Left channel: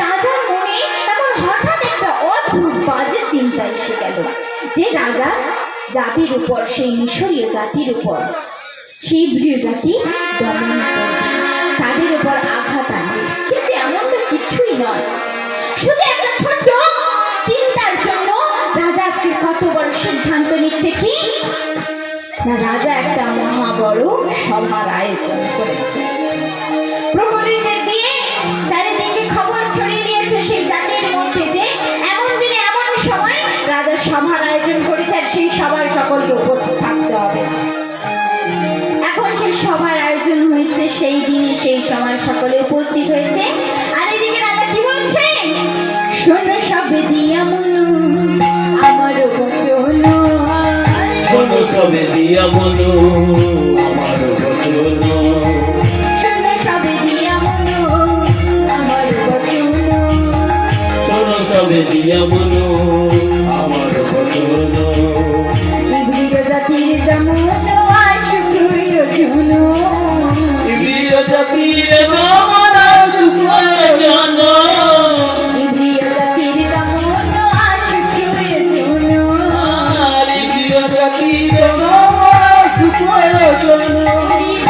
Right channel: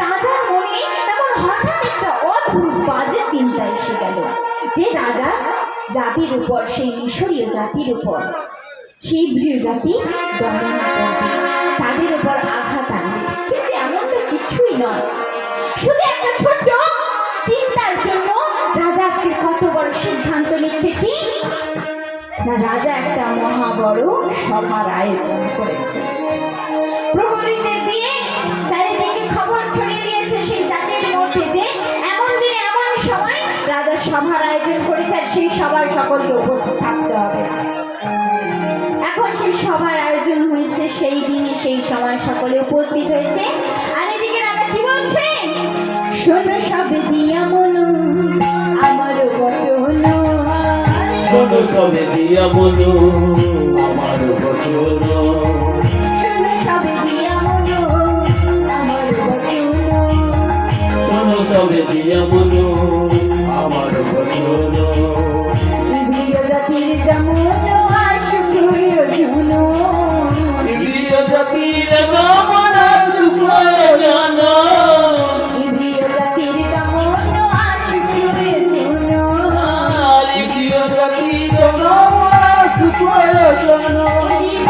রাজার মনে তখন হঠাৎ একটা অদ্ভুত বাজে চিন্তা এসে গেল যে রাজা জাতির উপর, সেই মিশরীয় জাতির উপর, সেই প্রিয় জাতি দমন করবে, তাদের উপর আঘাত আনবে। কিন্তু এমনটা কিছুই নয়, শুধু একটা ছোট্ট চিন্তার জন্য রাজা আজকে কত বড় সিদ্ধান্ত নিচ্ছে। কি না, রাজা একটা মহা বড় সভার আয়োজন করেছে। প্রহরীদের দিয়ে চারিদিকে খবর ছড়িয়ে দিয়েছে সেই জাতির মধ্যে যে এমন দিনে এমন সময় রাজা সভার আয়োজন করেছে, আর সেই সভায় সকলকে উপস্থিত থাকতে হবে। এখন সেই সভার আয়োজন হয়েছে, সেই দিনে সেই সময় সকলে উপস্থিত হয়েছে। আর এদিকে রাজা কি বলছে, শোনো সবে দিয়া মনো আমার বচন, শোনো সবে দিয়া মনো আমার বচন, শোনো সবে দিয়া মনো আমার বচন, শোনো সবে দিয়া মনো আমার বচন। ইব্রিয় জাতির যেমন আশুক প্রয়োজন, ইব্রিয় জাতির যেমন আশুক প্রয়োজন, ইব্রিয় জাতির যেমন আশুক প্রয়োজন, ইব্রিয় জাতির যেমন আশুক প্রয়োজন।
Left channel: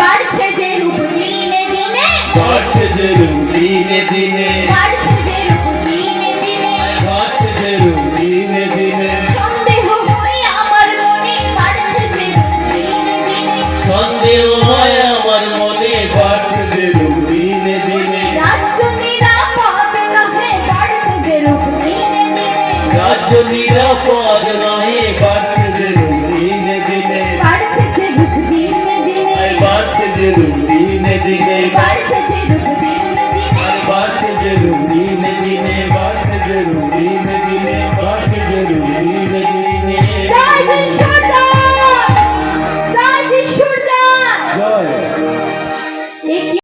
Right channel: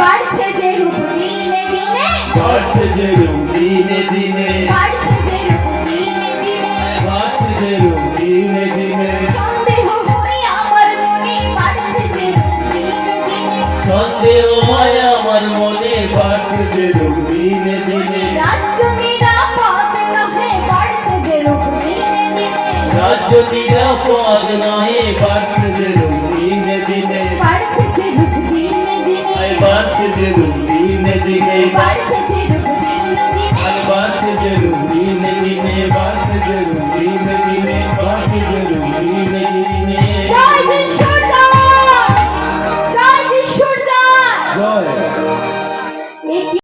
বাড়ছে যে রূপ দিনে দিনে, বাড়ছে যে রূপ দিনে দিনে, বাড়ছে যে রূপ দিনে দিনে, বাড়ছে যে রূপ দিনে দিনে। সন্দেহ হয় আমার মনে বাড়ছে যে রূপ দিনে দিনে, সন্দেহ হয় আমার মনে, বাড়ছে যে রূপ দিনে দিনে। রাজ্য নিরাপদ নহে বাড়ছে যে রূপ দিনে দিনে, রাজ্য নিরাপদ